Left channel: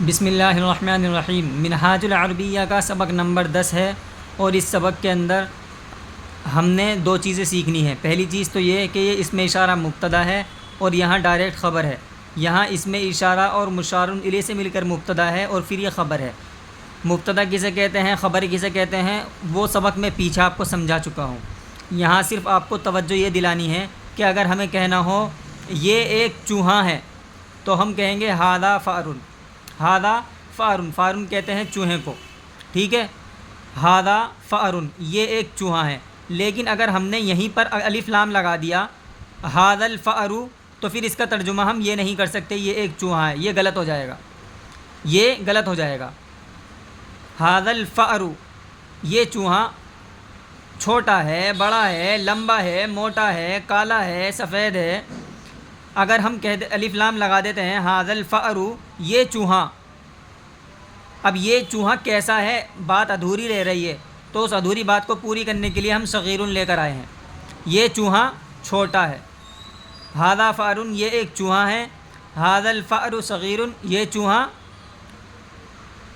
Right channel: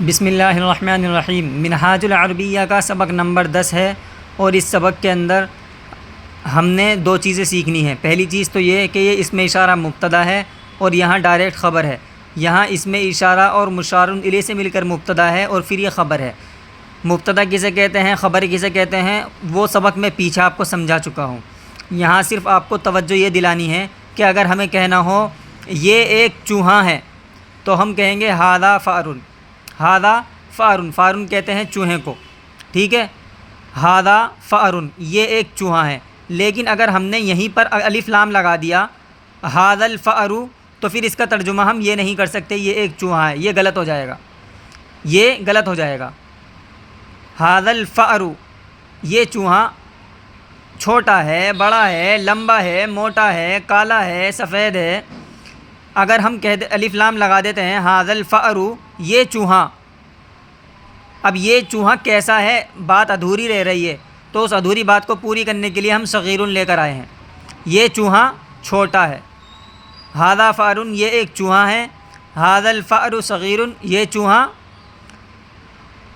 بسم اللہ الرحمن الرحیم۔ منہاج العربیہ کا سبق نمبر 10 ہے، اور اس سبق کے اندر ہم نے دو چیزیں سیکھنی ہیں۔ پہلی چیز تو یہ کہ یہ اسم اشارہ مبتدا ہے اور یہاں ڈائریکٹ خبر ہے۔ یہاں اسم اشارہ اور مشار الیہ سے مل کر مبتدا ہے اور پھر یہ خبر ہے۔ مبتدا کسے کہتے ہیں، خبر کسے کہتے ہیں، وہ سبق میں پیچھے آپ کو سمجھا چکا ہوں۔ یہاں صرف آپ کو توجہ یہ دلانی ہے کہ اگر ہمیں کہنا ہو یہ ایک چوہا ہے تو ہم کہیں گے ھذا فأر۔ ھذا فأر، فأر کہتے ہیں چوہے کو، ٹھیک ہے۔ ھذا فأر، یہ ایک چوہا ہے۔ لیکن اگر ہم نے یہیں پر الف لام لگا دیا ھذا الفأر، تو پھر اس کا ترجمہ ہم یہ نہیں کر سکتے یہ ایک چوہا ہے، یہ غلط ہو جائے گا، یہ غلط ہو جائے گا۔ ھذا الفأر، یہ چوہا چھوٹا ہے، بڑا ہے، لمبا ہے، موٹا ہے، کالا ہے، سفید ہے۔ اگر ہم الف لام لگا دیتے ہیں ھذا الفأر، یہ چوہا، اب یہ چوہا کیسا ہے، بات ادھوری رہ رہی ہے، تو اس ادھوری بات کو پوری کرنے کے لیے ہم صغیر لے کر آئے ہیں۔ یہ چوہا چھوٹا ہے، ھذا فأر، یہ ایک چوہا ہے، ھذا الفأر صغیر، یہ چوہا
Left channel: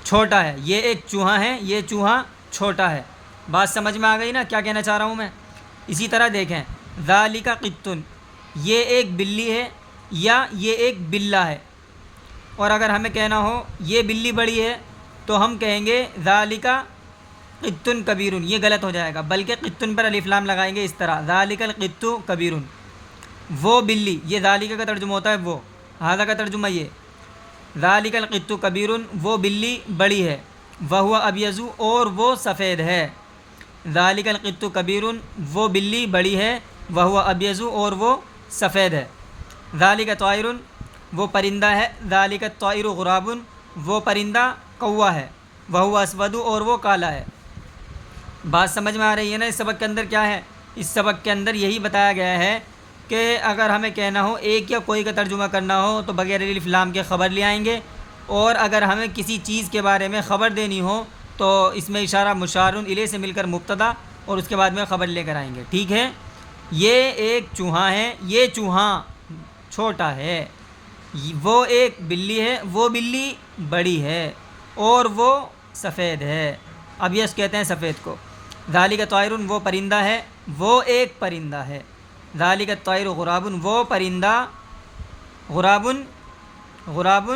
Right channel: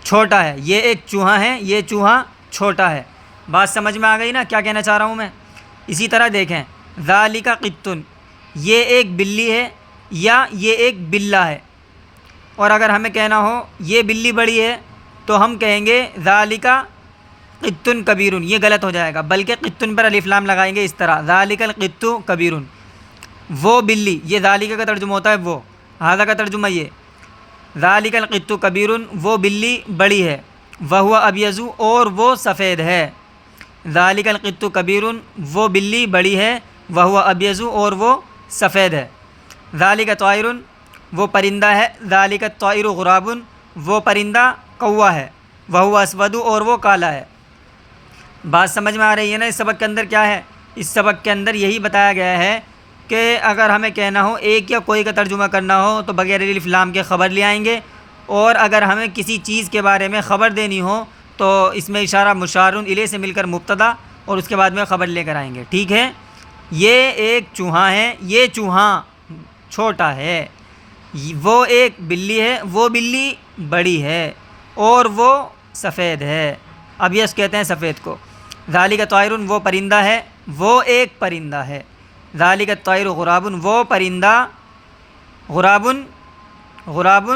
چھوٹا ہے، یہ ایک چوہا ہے، یہ چوہا چھوٹا ہے۔ بات سمجھ میں آ گئی نا کیا کہنا چاہ رہا ہوں میں؟ اسی طرح دیکھیں ذالک قط، یہ ایک بلی ہے یا یہ ایک بلہ ہے۔ اور اگر ہمیں کہنا ہو یہ بلی بڑی ہے تو ہم کہیں گے ذالک قط کبیر، یہ غلط ہو جائے گا، بلکہ قط پر الف لام لگائیں گے اس طرح ذالک القط کبیر، وہ بلی، یہ ذالک کا ترجمہ ہوتا ہے وہ، ھذا کا ترجمہ یہ، ذالک القط کبیر، وہ بلی بڑی ہے، وہو ابیض، اور وہ سفید ہے۔ ذالک القط کبیر، وہ بلی بڑی ہے، وہو ابیض، اور وہ سفید ہے۔ ذالک طائر، وہ پرندہ ہے، ذالک الطائر غراب، وہ پرندہ کوا ہے، وہو اسود، اور وہ کالا ہے۔ بات سمجھ میں آ رہی ہے نا؟ اس سبق کے اندر کیا ہے؟ اس سبق کے اندر یہی بتایا گیا ہے کہ اگر ہمیں کہنا ہو ایک یا کوئی کا ترجمہ کرنا ہو تو بغیر الف لام کے خبر لے آئیں گے، اور اگر ہمیں کسی چیز کے بارے میں خبر دینی ہو تو اس میں اشارہ مشار الیہ سے مل کر مبتدا اور اس کے بعد میں خبر لے کر آئیں گے، ٹھیک ہے۔ یہ ایک چوہا ہے، یہ چوہا چھوٹا ہے، وہ ایک بلی ہے، وہ بلی بڑی ہے، اور وہ سفید ہے۔ اب یس کہتے ہیں سفید کو۔ ذالک طائر، وہ پرندہ ہے، وہ ایک پرندہ ہے۔ ذالک الطائر غراب، وہ پرندہ غراب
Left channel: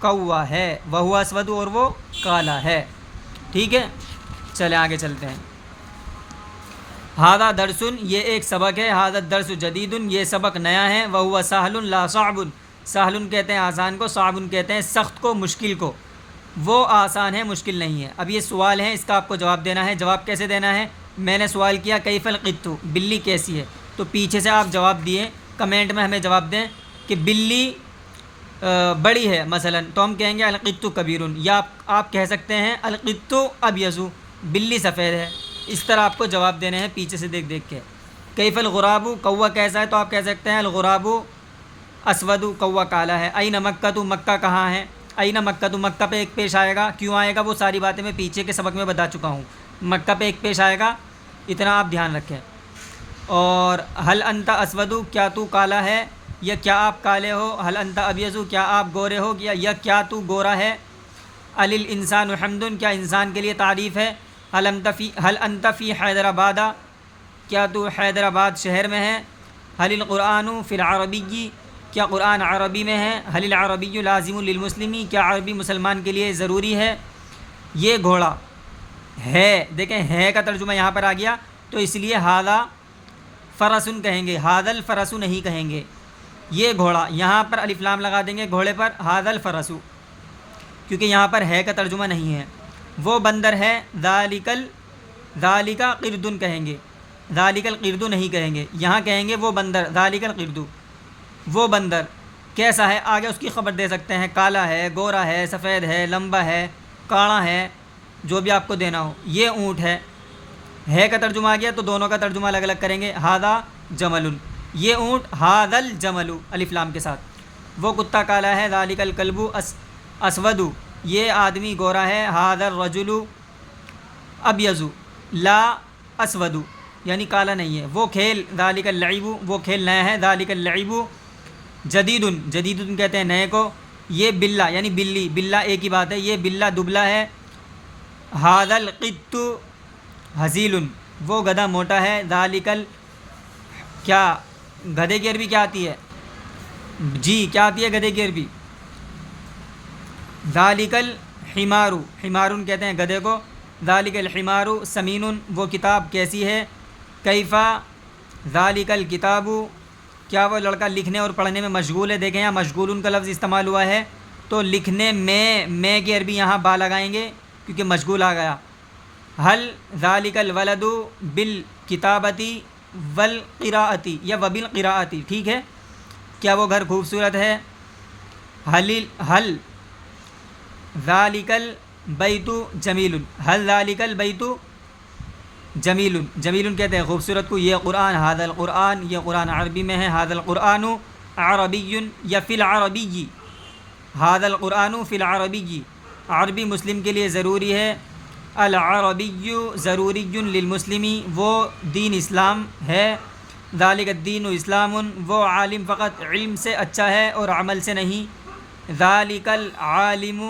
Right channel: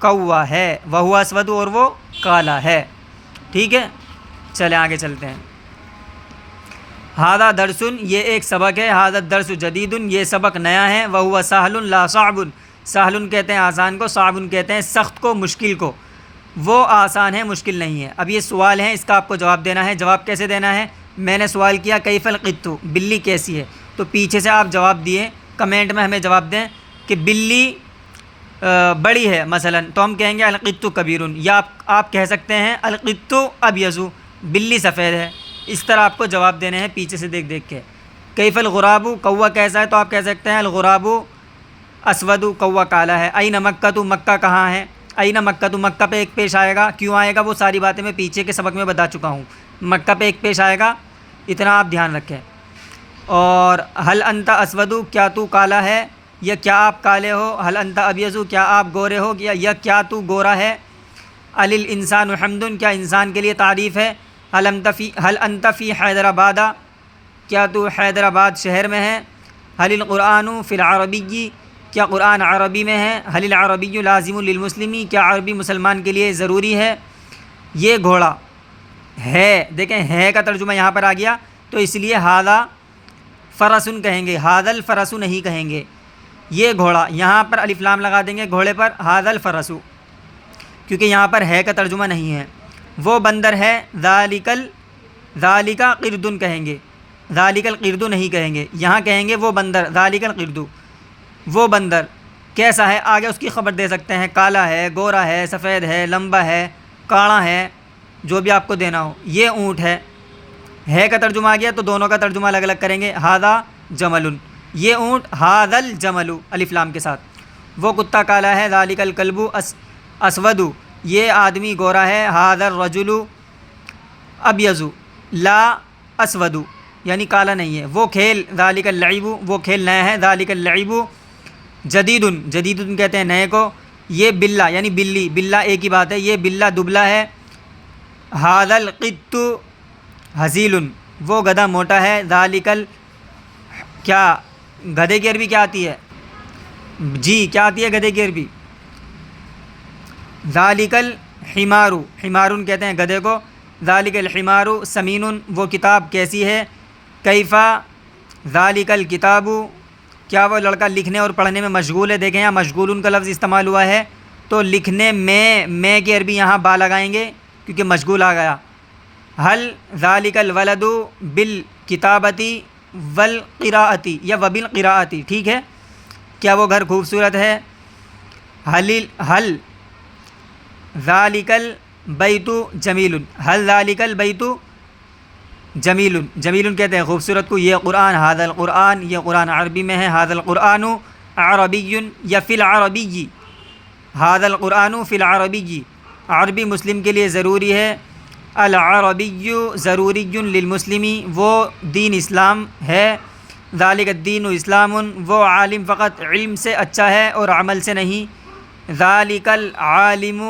کوا ہے، وہو اسود، اور وہ کالا ہے، ٹھیک ہے۔ چلیں آگے چلتے ہیں۔ ھذا درس، یہ ایک سبق ہے، ھذا الدرس جدید، یہ سبق نیا ہے، وہو سہل لا صعب، سہل کہتے ہیں آسان کو، صعب کہتے ہیں سخت کو، مشکل کو، وہ آسان ہے مشکل نہیں ہے۔ اب یہ سوال ہے، اس کا آپ کو جواب دینا ہے۔ جواب کیسے دینا ہے؟ میں نے سوال کیا کیف القط، بلی کیسی ہے، تو پیچھے سے آپ جواب دیے، کمنٹ میں ہمیں جواب دیں کہ بلی بڑی ہے مثلا، تو ہم کہیں گے القط کبیر، یا آپ کہہ سکتے ہیں القط ابیض، بلی سفید ہے۔ اس طرح آپ کو جواب دینے ہیں پیچھے سے دیکھ دیکھ کے۔ کیف الغراب، کوا کیسا ہے، تو آپ کہہ سکتے ہیں الغراب اسود، کوا کالا ہے۔ این مکہ، مکہ کہاں ہے، این مکہ، مکہ پہ ایک پیش آئے گا، کیوں آئے گا وہ ساری باتیں میں پیچھے کے سبق میں بتا چکا ہوں، مکہ پہ ایک پیش آئے گا، اتنا آپ دھیان رکھیں۔ اور حل انت اسود، کیا تو کالا ہے، یا کیا آپ کالے ہو، حل انت ابیض، کیا آپ گورے ہو، یا کیا تو گورا ہے۔ علی الانسان حمد، کیا انسان کے لیے تعریف ہے۔ حل انت فی حیدرآباد، کیا تو حیدرآباد شہر میں ہے۔ حل القرآن فی العربی، کیا قرآن عربی میں ہے۔ حل العربی لازم للمسلم، کیا عربی مسلمان کے لیے ضروری ہے۔ یہ گھوڑا ہے، دیکھیں ہے کا ترجمہ یہاں پر آ گیا، تو اس لیے ھذا فرس کہیں گے، ھذا الفرس نہیں کہیں گے۔ یہ گھوڑا، یہاں پر الف لام لگا دیں گے گھوڑے پر، ھذا الفرس، کیونکہ یہاں پر ہے کا ترجمہ نہیں ہے۔ وہ بندر ہے، ذالک قرد کہیں گے، ذالک القرد نہیں کہیں گے، یہاں کہیں گے وہ بندر، ذالک القرد، وہ بندر کیسا ہے، آگے اس کی خبر دے سکتے ہیں، کالا ہے، گورا ہے، سفید ہے، لمبا ہے، کاڑا ہے، جو بھی آپ کو دینا ہو۔ یہ اونٹ ہے کا ترجمہ آ گیا تو دونوں کا ترجمہ الگ الگ کریں گے، ھذا جمل، یہ اونٹ، ھذا الجمل الف لام کے ساتھ۔ وہ کتا کالا ہے، ذالک الکلب اسود، یہ آدمی گورا ہے، ھذا الرجل ابیض لا اسود، یعنی کالا نہیں ہے۔ وہ کھیل، ذالک اللعب، وہ کھیل نیا ہے، ذالک اللعب جدید، جدید کہتے ہیں نئے کو، یہ بلّہ یعنی بلی، بلّہ ایک ہی بات ہے، یہ بلّہ دبلا ہے. ھذا القط ھزیل، وہ گدھا موٹا ہے. ذالک کیا گدھے کی عربی کیا آتی ہے؟ جی کیا آتی ہے گدھے کی عربی؟ ذالک الحمار، حمارن کہتے ہیں گدھے کو. ذالک الحمار سمین، وہ کتاب کیسی ہے؟ کیفا ذالک الکتاب، کیا وہ لڑکا لکھنے اور پڑھنے میں مشغول ہے؟ دیکھیں یہاں مشغول کا لفظ استعمال ہوا ہے، تو لکھنے میں کی عربی یہاں با لگائیں گے کیونکہ مشغول آ گیا. حل ذالک الولد بالکتابتی والقراءتی یا وبالقراءتی، ٹھیک ہے، کیا وہ گھر خوبصورت ہے؟ حل ذالک البیت جمیل، حل ذالک البیت جمیل، جمیل کہتے ہیں خوبصورت کو. یہ قرآن، ھذا القرآن، یہ قرآن عربی میں ہے. ھذا القرآن عربی یا فی العربی، ھذا القرآن فی العربی، عربی مسلم کے لیے ضروری ہے. العربی ضروری للمسلم، وہ دین اسلام ہے. ذالک الدین اسلام، وہ عالم فقط علم سے اچھا ہے اور عمل سے نہیں. ذالک العالم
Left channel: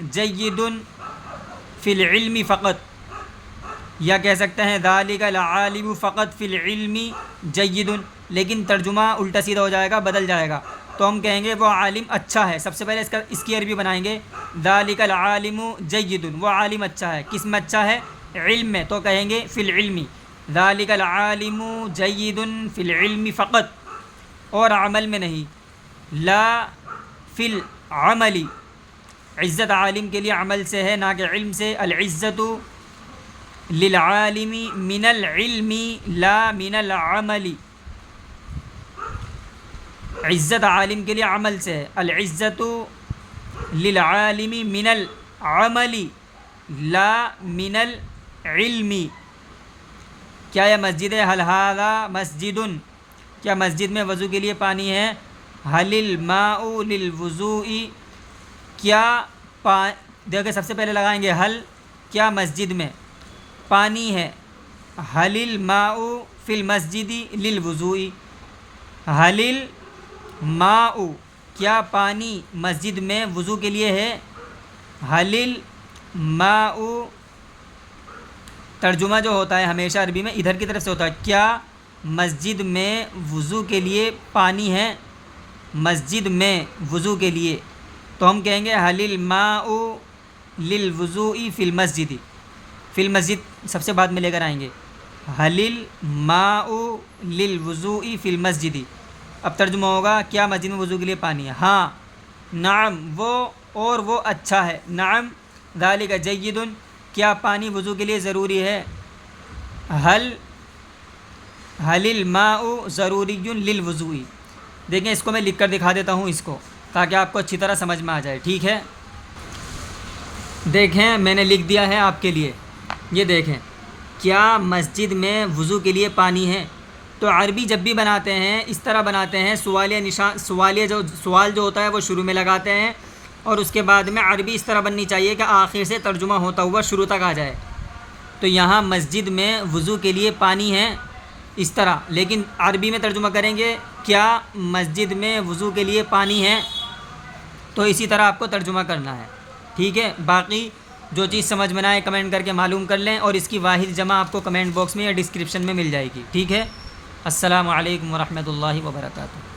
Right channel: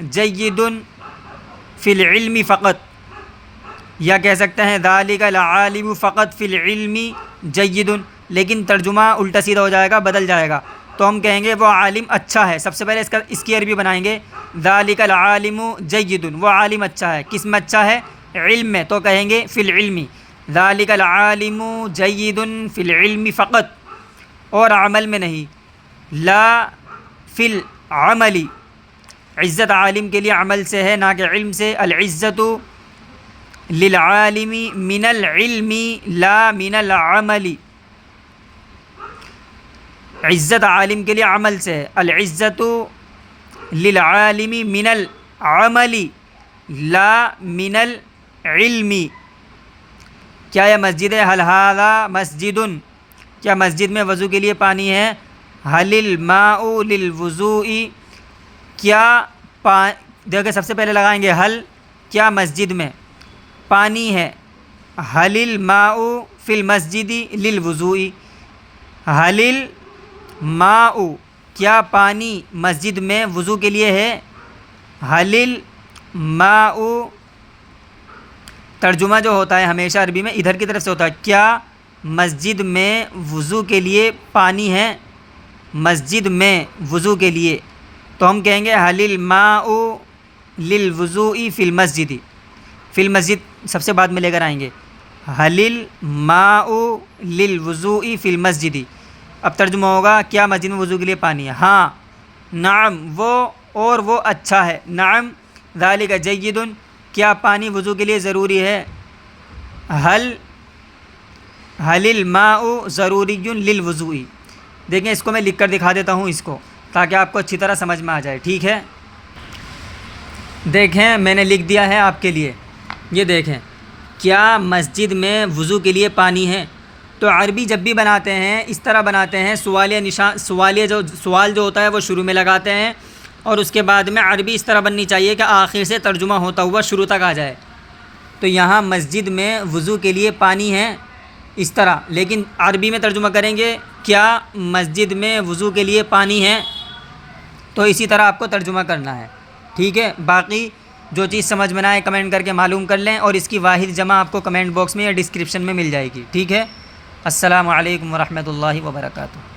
جید فی العلم فقط، یا کہہ سکتے ہیں ذالک العالم فقط فی العلم جید، لیکن ترجمہ الٹا سیدھا ہو جائے گا، بدل جائے گا. تو ہم کہیں گے وہ عالم اچھا ہے. سب سے پہلے اس کی عربی بنائیں گے ذالک العالم جید، وہ عالم اچھا ہے. کس میں اچھا ہے؟ علم میں، تو کہیں گے فی العلم. ذالک العالم جید فی العلم فقط، اور عمل میں نہیں. لا فی العمل، عزت عالم کے لیے عمل سے ہے نہ کہ علم سے. العزت للعالم من العلم لا من العمل، عزت عالم کے لیے عمل سے ہے. العزت للعالم من العمل لا من العلم. کیا یہ مسجد ہے؟ حل ھذا مسجد، کیا مسجد میں وضو کے لیے پانی ہے؟ حل الماء للوضوء، کیا دیکھیں سب سے پہلے لگائیں گے حل، کیا مسجد میں پانی ہے؟ حل الماء فی المسجد للوضوء، حل الماء، کیا پانی مسجد میں وضو کے لیے ہے؟ حل الماء، ترجمہ جو ہوتا ہے ہمیشہ عربی میں ادھر کی طرف سے ہوتا ہے. کیا مسجد میں وضو کے لیے پانی ہے؟ مسجد میں وضو کے لیے، تو ہم کہیں گے حل الماء للوضوء فی المسجد. فی المسجد سب سے بعد میں لے کر آئیں گے. حل الماء للوضوء فی المسجد. اب ترجمہ ہوگا کیا مسجد میں وضو کے لیے پانی ہے؟ ہاں. نعم، وہ اچھا ہے. نعم ذالک جید، کیا پانی وضو کے لیے ضروری ہے؟ حل الماء ضروری للوضوء. دیکھیں اس کو میں لکھ کر دکھا دیتا ہوں اس کو، تاکہ آپ کو اچھی طرح سمجھ میں آ جائے، ٹھیک ہے. دیکھیں میں نے لکھ دیا ہے آپ کے لیے، یہ دیکھیں. کیا مسجد میں وضو کے لیے پانی ہے؟ تو عربی جب بھی بناتے ہیں اس طرح بناتے ہیں، سوال جو ہوتا ہے وہ شروع میں لگاتے ہیں، اور اس کے بعد میں عربی اس طرح بننی چاہیے کہ آخر سے ترجمہ ہوتا ہوا شروع تک آ جائے. تو یہاں مسجد میں وضو کے لیے پانی ہے اس طرح، لیکن عربی میں ترجمہ کریں گے کیا مسجد میں وضو کے لیے پانی ہے، تو اسی طرح آپ کو ترجمہ کرنا ہے، ٹھیک ہے. باقی جو چیز سمجھ میں نہ آئے کمنٹ کر کے معلوم کر لیں، اور اس کی واحد جمع آپ کو کمنٹ باکس میں یا ڈسکرپشن میں مل جائے گی، ٹھیک ہے. السلام علیکم ورحمۃ اللہ وبرکاتہ.